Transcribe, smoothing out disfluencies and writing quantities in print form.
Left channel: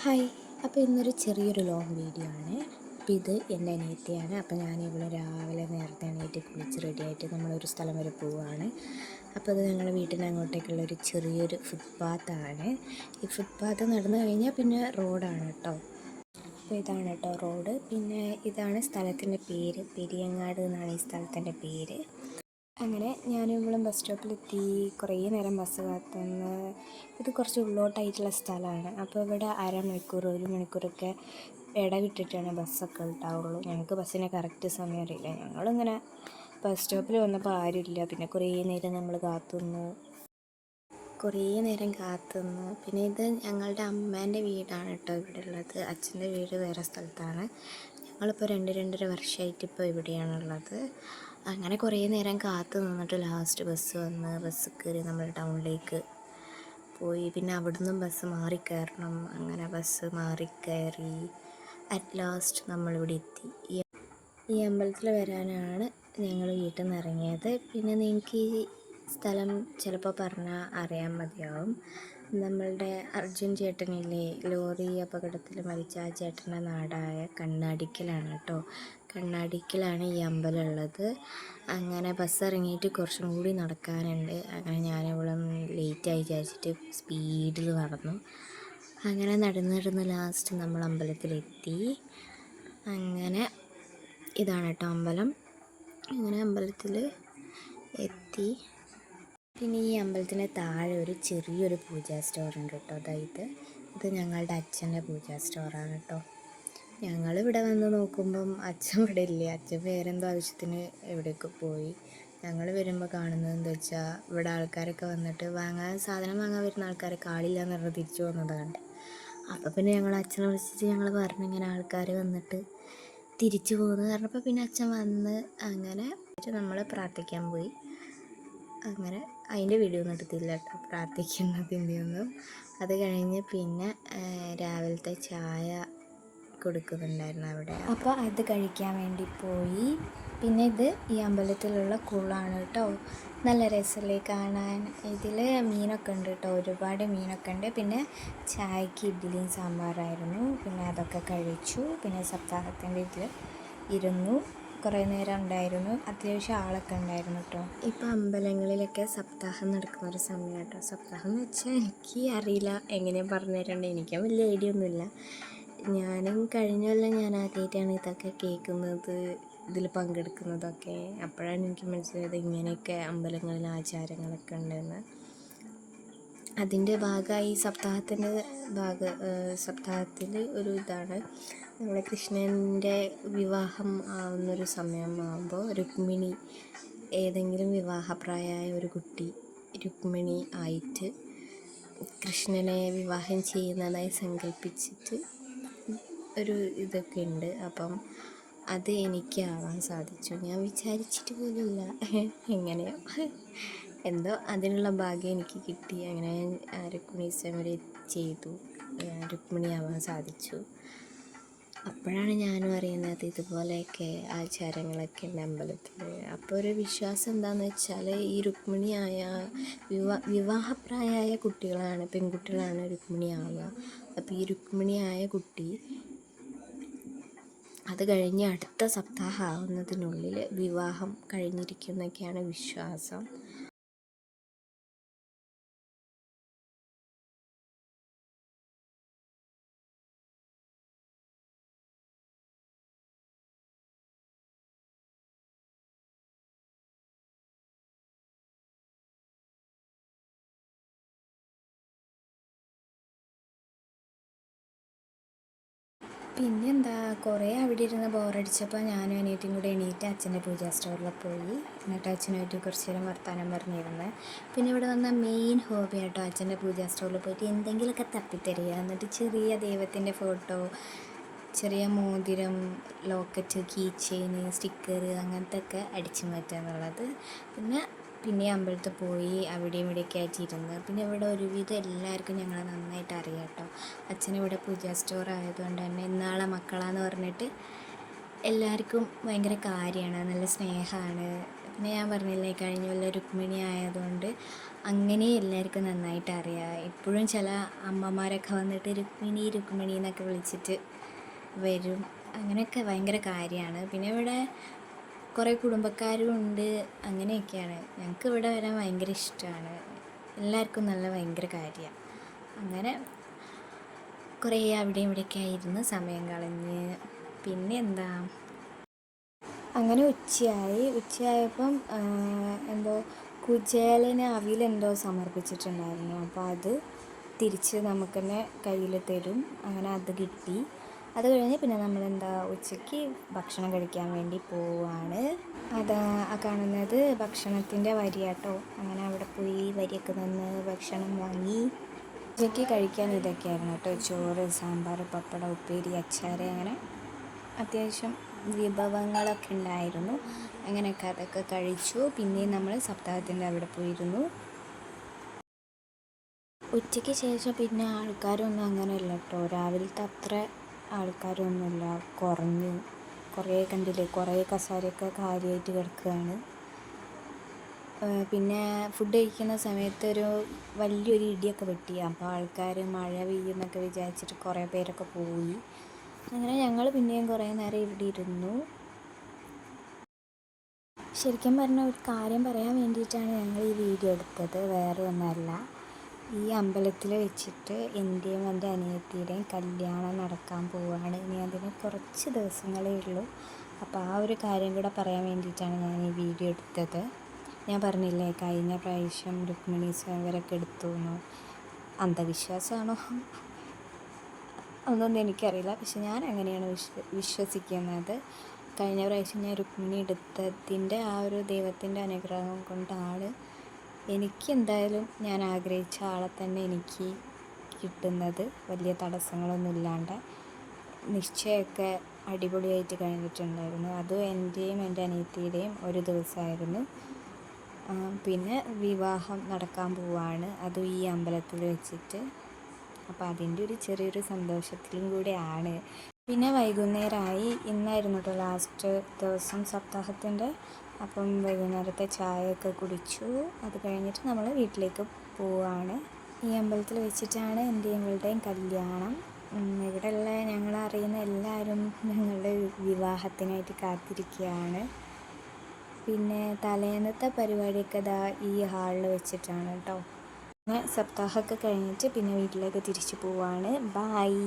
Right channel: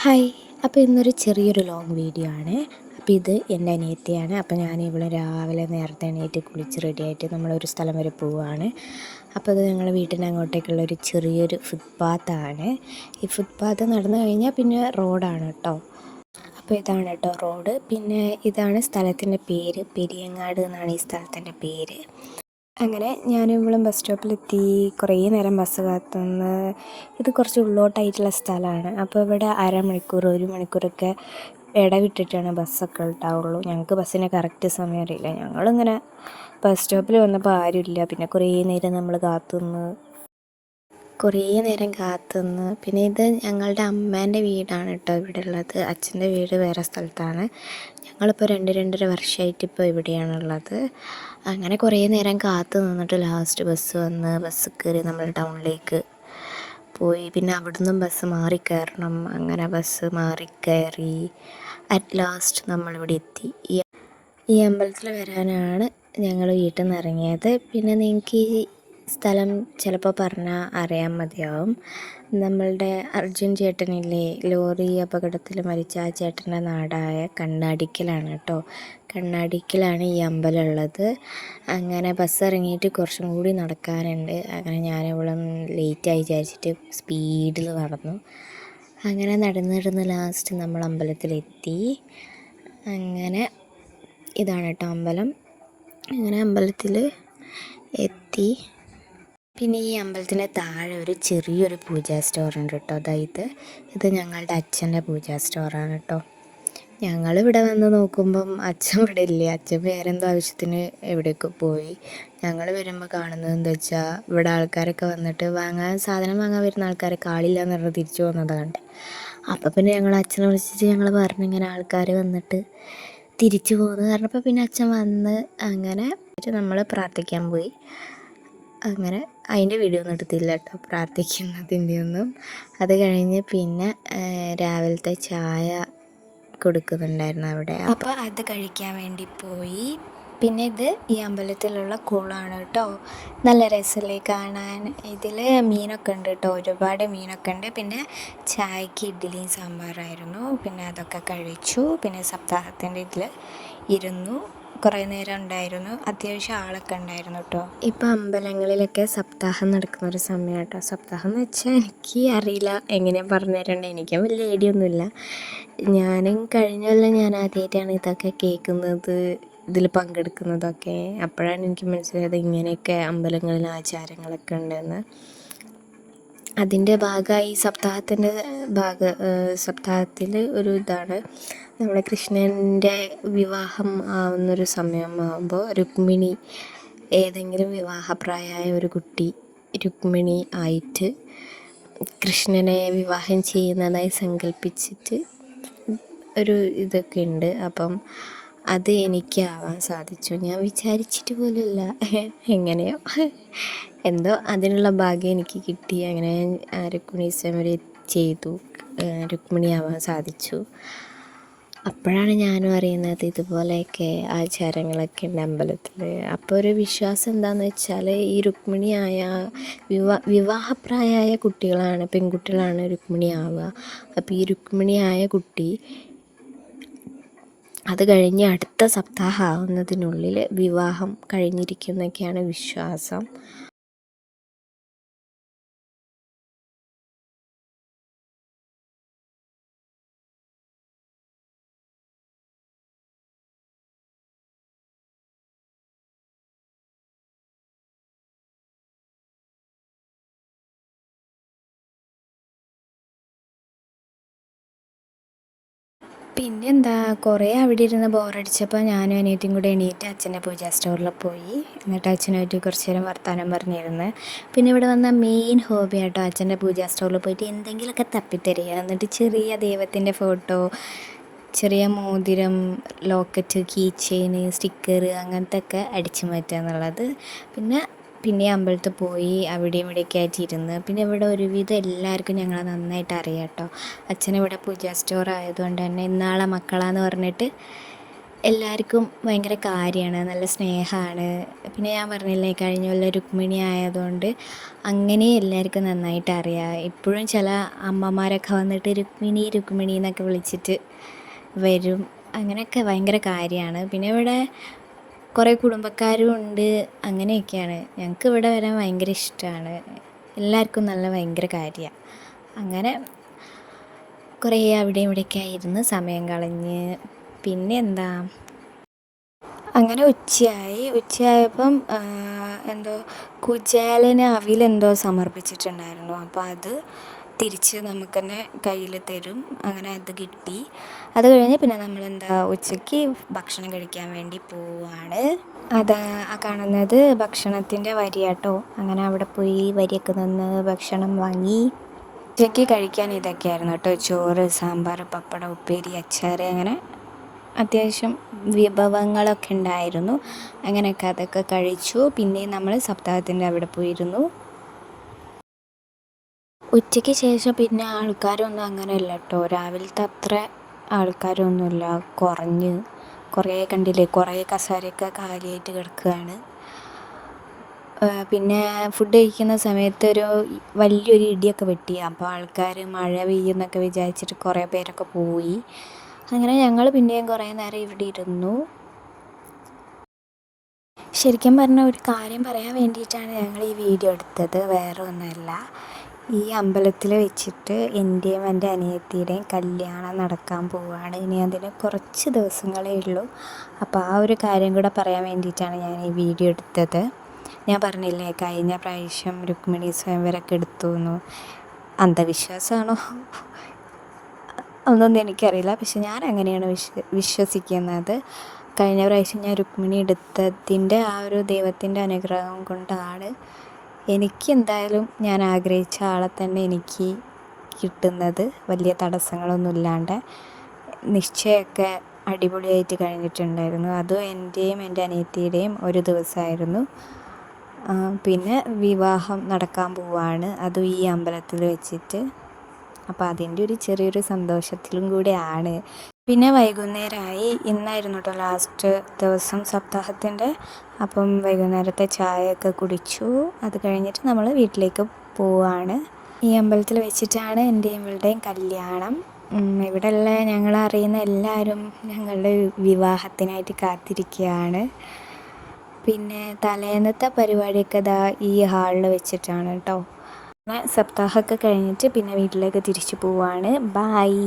Hi. അപ്പോൾ ഇന്നൊരു ചെറിയൊരു ലോങ് വീഡിയോ ആണ്. അപ്പോൾ ഇത് എൻ്റെ അനിയത്തിയാണ്. അപ്പോൾ ഞാൻ ഇവിടെ രാവിലെ നേരത്തെ എണീറ്റ് കുളിച്ച് റെഡിയായിട്ട് നമ്മളൊരു സ്ഥലം വരെ പോവുകയാണ്. അപ്പോൾ ഇത് ഞങ്ങളുടെ വീട്ടിൻ്റെ അങ്ങോട്ടേക്കുള്ള ഒരു ചെറിയൊരു ഫുട്പാത്താണ്. ഈ ഫുട്പാത്ത് നടന്നു കഴിഞ്ഞാൽ പിന്നെ റോഡാണ് കേട്ടോ. അപ്പോൾ ഇതാണ് കേട്ടോ റോഡ്. പിന്നെ ഇതാണ് സ്ഥലത്തിൻ്റെ പേര്, പെരിയങ്ങാട് എന്നാണ് ഈ സ്ഥലത്തിൻ്റെ പേര്. അങ്ങനെ ഞാനും ഇവളും ബസ് സ്റ്റോപ്പിലെത്തി. കുറേ നേരം ബസ് കാത്തുനിന്ന്. ഇത് കുറച്ച് ഉള്ളോട്ടായിട്ടുള്ള സ്ഥലമാണ്. അപ്പോൾ ഇവിടെ അരമണിക്കൂർ 1 മണിക്കൂറൊക്കെ ഇടവിട്ടിട്ടാണ് ബസ്സൊക്കെ ഉണ്ടാവുള്ളൂ. ഞങ്ങൾക്ക് ബസ്സിന് കറക്റ്റ് സമയം അറിയില്ല. ഞങ്ങളിങ്ങനെ ബസ് സ്റ്റോപ്പിൽ വന്നപ്പോൾ ആരുമില്ല. പിന്നെ കുറേ നേരം നമ്മൾ കാത്തുനിന്ന്. പിന്നെ ഇത് ഞങ്ങളുടെ അമ്മേൻ്റെ വീടാണ് കേട്ടോ ഇവിടെ ഉള്ളത്. അച്ഛൻ്റെ വീട് വേറെ സ്ഥലത്താണ്. ഞങ്ങളിപ്പോൾ 2-2.5 വർഷമായിട്ട് ഇപ്പോൾ ഇവിടെയാണുള്ളത്. അങ്ങനെ കുറേ നേരം കാത്തു നിന്നിട്ട് ലാസ്റ്റ് ബസ് കയറി നമ്മൾ ടൗണിലേക്ക് പോയി. പിന്നെ അവിടുന്ന് ബസ് മാറിക്കയറണം. അങ്ങനെ ബസ് മാറിക്കയറി അറ്റ് ലാസ്റ്റ് നമ്മളിവിടെ എത്തി. ഈ അമ്പലത്തിൽ വരാനാണ് ഞങ്ങൾ വീട്ടിൽ നിന്ന് ഇറങ്ങിയത്. പിന്നെ നിങ്ങൾക്ക് ഈ സ്ഥലം ചിലപ്പോൾ പറഞ്ഞാൽ അറിയാൻ മതിയാവും. നമ്മളുടെ അർജുൻ ചേട്ടനില്ലേ, ലോറി അപകടത്തിൽ മരിച്ച ആ ചേട്ടൻ്റെ നാടായ കണ്ണാടിക്കലാണ് കേട്ടോ. കണ്ണാടിക്കലാണ് ഈ അമ്പലം ഉള്ളത്. അങ്ങനെ ബസ് ഇറങ്ങിയിട്ട് കുറച്ചും കൂടി നടക്കാനുണ്ട്. അങ്ങനെ ഞാനിവിടെ ലേറ്റായി വിചാരിച്ചിട്ട് സ്പീഡിൽ നടന്നു. അങ്ങനെ നടന്ന് ലാസ്റ്റ് നമ്മൾ അമ്പലത്തിലെത്തി. അങ്ങനെ ഇതാണ് കേട്ടോ അമ്പലം. അങ്ങനെ അമ്പലത്തിൽ എത്തി. പിന്നെ ഈ അമ്പലത്തിൻ്റെ താഴെ ഒരു ചെറിയൊരു പൂജാ സ്റ്റോറുണ്ട് കേട്ടോ. അതായത് ഇത് ഞങ്ങളുടെ അച്ഛൻ്റെ പൂജാ സ്റ്റോറാണ് കേട്ടോ. ഞങ്ങളിവിടെ വന്ന് നോക്കുമ്പം അച്ഛൻ ഇവിടെ ഇല്ല. അച്ഛൻ വേറെന്തോ ആവശ്യത്തിന് എവിടേക്ക് പോയി. ഞങ്ങൾ വരുമ്പോൾ കാണുന്നത് എന്താ വെച്ചാൽ ഇവിടെ ആൾക്കാരൊക്കെ വന്നിട്ട് സാധനം വാങ്ങാൻ വരുന്ന ആൾക്കാരൊക്കെ ആളില്ല എന്ന് പറഞ്ഞ് തിരിച്ചു പോകുന്നതാണ്. അപ്പോൾ പിന്നെ ഞങ്ങൾ അച്ഛനെ വിളിച്ചിട്ട് ഞങ്ങൾ പറഞ്ഞു ഇങ്ങനെ ആൾക്കാർ വന്നിട്ട് തിരിച്ചു പോകുന്നത് പറഞ്ഞപ്പോൾ പിന്നെ അച്ഛൻ വന്ന് അങ്ങനെ നമ്മൾ പ്രാർത്ഥിക്കാൻ പോയി. അങ്ങനെ അതിൻ്റെ വീഡിയോ ഒന്നും എടുത്തില്ല കേട്ടോ, പ്രാർത്ഥിക്കുന്നതിൻ്റെ ഒന്നും. അത് കഴിഞ്ഞ് പിന്നെ രാവിലത്തെ ചായ കൊടുക്കുന്നുണ്ടായിരുന്നു അവിടെ. അപ്പോൾ അത് കഴിക്കാൻ വേണ്ടി പോയി. പിന്നെ ഇത് ഈ അമ്പലത്തിലുള്ള കുളമാണ് കേട്ടോ. നല്ല രസമല്ലേ കാണാൻ. ഇതിൽ മീനൊക്കെ ഉണ്ട് കേട്ടോ, ഒരുപാട് മീനൊക്കെ ഉണ്ട്. പിന്നെ ചായക്ക് ഇഡ്ഡലിയും സാമ്പാറായിരുന്നു. പിന്നെ അതൊക്കെ കഴിച്ചു. പിന്നെ സപ്താഹത്തിൻ്റെ ഇതിൽ ഇരുന്നു. കുറേ നേരം ഉണ്ടായിരുന്നു. അത്യാവശ്യം ആളൊക്കെ ഉണ്ടായിരുന്നു കേട്ടോ. ഇപ്പോൾ അമ്പലങ്ങളിലൊക്കെ സപ്താഹം നടക്കുന്ന ഒരു സമയം കേട്ടോ. സപ്താഹം എന്ന് വെച്ചാൽ എനിക്ക് അറിയില്ല, എങ്ങനെയാണ് പറഞ്ഞു തരേണ്ടത്. എനിക്കും വലിയ ഐഡിയ ഒന്നുമില്ല. ഞാനും കഴിഞ്ഞല്ല ഞാൻ ആദ്യമായിട്ടാണ് ഇതൊക്കെ കേൾക്കുന്നത്, ഇതിൽ പങ്കെടുക്കുന്നതൊക്കെ. അപ്പോഴാണ് എനിക്ക് മനസ്സിലായത് ഇങ്ങനെയൊക്കെ അമ്പലങ്ങളിൽ ആചാരങ്ങളൊക്കെ ഉണ്ടെന്ന്. അതിൻ്റെ ഭാഗമായി സപ്താഹത്തിൽ ഒരു ഇതാണ്, നമ്മുടെ കൃഷ്ണൻ്റെ വിവാഹം ആവുന്നൊരു സമയമാകുമ്പോൾ രുക്മിണി, ഏതെങ്കിലും വിവാഹപ്രായമായ ഒരു കുട്ടി രുക്മിണി ആയിട്ട് കൃഷ്ണനെ വിവാഹം ചെയ്യുന്നതായി സങ്കല്പിച്ചിട്ട് ഒരു ഇതൊക്കെ ഉണ്ട്. അപ്പം അത് എനിക്ക് ആവാൻ സാധിച്ചു. ഞാൻ വിചാരിച്ചിട്ട് പോലുമില്ല, എങ്ങനെയോ എന്തോ അതിനുള്ള ഭാഗ്യം എനിക്ക് കിട്ടി. അങ്ങനെ രുക്മിണി സ്വയംവരെ ചെയ്തു, രുക്മിണി ആവാൻ സാധിച്ചു. അപ്പോഴാണ് ഞാനും അറിയുന്നത് ഇതുപോലെയൊക്കെ ആചാരങ്ങളൊക്കെ ഉണ്ട് അമ്പലത്തിൽ. അപ്പോൾ ഒരു വിശ്വാസം എന്താണെന്ന് വെച്ചാൽ ഈ രുക്മിണിയായ വിവാഹപ്രായമായ കുട്ടികളാണ്, പെൺകുട്ടികളാണ് രുക്മിണി ആവുക. അപ്പോൾ ഈ രുക്മിണിയായ കുട്ടി അത് കഴിഞ്ഞ് അടുത്ത സപ്താഹം ആവുന്നതിനുള്ളിൽ വിവാഹം കഴിഞ്ഞിരിക്കുന്നൊക്കെയാണ് വിശ്വാസം. പിന്നെന്താ, കുറേ അവിടെ ഇരുന്ന് ബോറടിച്ചപ്പോൾ ഞാനും അനിയത്തിയും കൂടെ എണീറ്റ് അച്ഛൻ്റെ പൂജാ സ്റ്റോറിൽ പോയി. എന്നിട്ട് അച്ഛനായിട്ട് കുറച്ച് നേരം വർത്താനം പറഞ്ഞിരുന്ന്. പിന്നെ ഇവിടെ വന്ന മെയിൻ ഹോബി ആട്ടോ അച്ഛൻ്റെ പൂജാ സ്റ്റോറിൽ പോയിട്ട് എന്തെങ്കിലുമൊക്കെ തപ്പിത്തരിക. എന്നിട്ട് ചെറിയ ദൈവത്തിൻ്റെ ഫോട്ടോ, ചെറിയ മോതിരം, ലോക്കറ്റ്, കീ ചെയിൻ, സ്റ്റിക്കർ അങ്ങനത്തെ ഒക്കെ അടിച്ചു മാറ്റുക എന്നുള്ളത്. പിന്നെ അമ്പലത്തിൽ പോയി അവിടെയും ഇവിടെയൊക്കെ ആയിട്ട് ഇരുന്ന്. പിന്നെ ഇവിടെ ഒരുവിധം എല്ലാവർക്കും ഞങ്ങളെ നന്നായിട്ട് അറിയാം കേട്ടോ. അച്ഛനിവിടെ പൂജാ സ്റ്റോർ ആയതുകൊണ്ട് തന്നെ ഇന്നാളെ മക്കളാന്ന് പറഞ്ഞിട്ട് എല്ലാവർക്കും ഭയങ്കര കാര്യമാണ്, നല്ല സ്നേഹമാണ്. പിന്നെ ഞാൻ പറഞ്ഞില്ലേ കഴിഞ്ഞ കൊല്ലം രുക്മിണി ആയതുകൊണ്ട് അങ്ങനെ എല്ലാവർക്കും നന്നായിട്ട് അറിയാം. ഇപ്പോഴും ചില അമ്മമാരൊക്കെ വന്നിട്ട് രുക്മിണി രുക്മിണി എന്നൊക്കെ വിളിച്ചിട്ട് വരും. അങ്ങനെയൊക്കെ ഭയങ്കര കാര്യമാണ്. പിന്നെ ഇവിടെ കുറേ കുടുംബക്കാരും ഉണ്ട്. അങ്ങനെയൊക്കെയാണ്. ഞങ്ങൾക്ക് ഇവിടെ വരാൻ ഭയങ്കര ഇഷ്ടമാണ്. എല്ലാവർക്കും നല്ല ഭയങ്കര കാര്യമാണ്. അങ്ങനെ കുറേ അവിടെയും ഇവിടെയൊക്കെ ആയിരുന്നു സമയം കളഞ്ഞ്. പിന്നെ എന്താ, അങ്ങനെ ഉച്ചയായപ്പം എന്തോ കുചേലന് അവിലെന്തോ സമർപ്പിച്ചിട്ടുണ്ടായിരുന്നു. അപ്പോൾ അത് തിരിച്ച് നമുക്ക് തന്നെ കയ്യിൽ തരും. അങ്ങനെ അത് കിട്ടി. അത് കഴിഞ്ഞ് പിന്നെ നമ്മളെന്താ ഉച്ചയ്ക്ക് ഭക്ഷണം കഴിക്കാൻ വേണ്ടി പോവാണ്. അത് ആ കാണുന്നത് ഭക്ഷണത്തിൻ്റെ വരിയാട്ടോ. അങ്ങനെ അവിടെ പോയി വരിയൊക്കെ നിന്ന് ഭക്ഷണം വാങ്ങി. ഉച്ചയ്ക്ക് കഴിക്കാൻ ഇതൊക്കെയായിരുന്നു കേട്ടോ: ചോറ്, സാമ്പാർ, പപ്പടം, ഉപ്പേരി, അച്ചാർ, അങ്ങനെ അത്യാവശ്യം വിഭവങ്ങളൊക്കെ ഉണ്ടായിരുന്നു. അങ്ങനെയൊക്കെ അതൊക്കെ കഴിച്ചു. പിന്നെ നമ്മൾ സപ്താഹത്തിൻ്റെ അവിടെ പോയിരുന്നു. ഉച്ചയ്ക്ക് ശേഷം പിന്നെ ആൾക്കാരൊന്നും അങ്ങനെ ഇല്ല കേട്ടോ. രാവിലത്തെ അത്ര ആൾക്കാരൊന്നുമില്ല, കുറഞ്ഞ്. കുറേ കണ്ടില്ലേ, കുറേ കസേരയൊക്കെ കാലിയായിട്ട് കിടക്കുകയാണ്. പിന്നെ ഫുഡ് കഴിക്കുന്ന സമയത്ത് വലിയൊരു ഇടിയൊക്കെ വെട്ടി. അപ്പോൾ ആൾക്കാർ മഴ പെയ്യുമെന്നൊക്കെ വിചാരിച്ചിട്ട് കുറേ പേരൊക്കെ പോയി. അങ്ങനെ ഞങ്ങൾ പിന്നെയും കുറേ നേരം ഇവിടെ ഇരുന്നു. ശരിക്കും പറഞ്ഞാൽ ഒരു കാര്യം പറയാൻ വേണ്ടിയിട്ടാണ് ഞങ്ങൾ ഈ വീഡിയോ എടുത്തത്, വേറെ ഒന്നുമല്ല. ഈ അമ്പലത്തിൽ വെച്ചിട്ട് എൻ്റെയും എൻ്റെ അനിയത്തിയുടെയും കല്യാണം നടക്കാൻ പോവുകയാണ്. ഇനി അതിന് കുറച്ച് ദിവസങ്ങളേ ഉള്ളൂ. അപ്പോൾ ആ ഒരു കാര്യം കൂടെ പറയാൻ വേണ്ടിയിട്ടാണ് ഞാൻ ഈ വീഡിയോ എടുത്തത്. ഞാൻ പറഞ്ഞില്ലേ കഴിഞ്ഞ പ്രാവശ്യം രുക്മിണി സ്വയംവരമൊക്കെ എടുത്തു എന്ന്. അന്ധവിശ്വാസമാണോ ഒന്നൊന്നും എനിക്കറിയില്ല, പക്ഷെ ഞാൻ അങ്ങനെയാണ് വിശ്വസിക്കുന്നത്. കഴിഞ്ഞ പ്രാവശ്യം ഞാൻ രുക്മിണി എടുത്തതിൻ്റെ ആ ഒരു ദൈവത്തിൻ്റെ അനുഗ്രഹം കൊണ്ടാണ് എനിക്ക് എന്തായാലും ഞാൻ ആഗ്രഹിച്ച ആളെ തന്നെ എനിക്ക് കിട്ടുന്നത്, വലിയ തടസ്സങ്ങളൊന്നും ഇല്ലാണ്ട്. നിശ്ചയമൊക്കെ അടിപൊളിയായിട്ട് കഴിഞ്ഞിട്ടുണ്ടായിരുന്നു. അതും എൻ്റെയും എൻ്റെ അനിയത്തിയുടെയും ഒരു ദിവസമായിരുന്നു. പിന്നെ വിവാഹം നടക്കാൻ പോവാണ്, അതും ഈ അമ്പലത്തിൽ വെച്ചിട്ട്. അപ്പോൾ അതിൻ്റെ ഒരു ചെറിയൊരു സന്തോഷത്തിലും കൂടെയാണ്. പിന്നെ വൈകുന്നേരമായി. ഇന്നായിരുന്നു കേട്ടോ ലാസ്റ്റ് ദിവസം സപ്താഹത്തിൻ്റെ. അപ്പം വൈകുന്നേരത്തെ ചായയൊക്കെ കുടിച്ചു. അത് കഴിഞ്ഞിട്ട് നമ്മൾ വീട്ടിലേക്ക് പോവാണ്. ഈ അമ്പലത്തിൽ വെച്ചിട്ടാണ് എൻ്റെയും ഇവളുടെയും കല്യാണം. ഇവിടെയുള്ള ഞങ്ങളറിയുന്ന എല്ലാവരും ഞങ്ങളുടെ വിവാഹത്തിനായിട്ട് കാത്തിരിക്കുകയാണ്. പിന്നെ തലേന്നത്തെ പരിപാടിയൊക്കെ ഈ ഹാളിൽ വെച്ചിട്ടാണ് കേട്ടോ. സപ്താഹമൊക്കെ കഴിഞ്ഞിട്ട് പിന്നെ വീട്ടിലേക്ക് തിരിച്ചു പോവാണ്. ബായ്.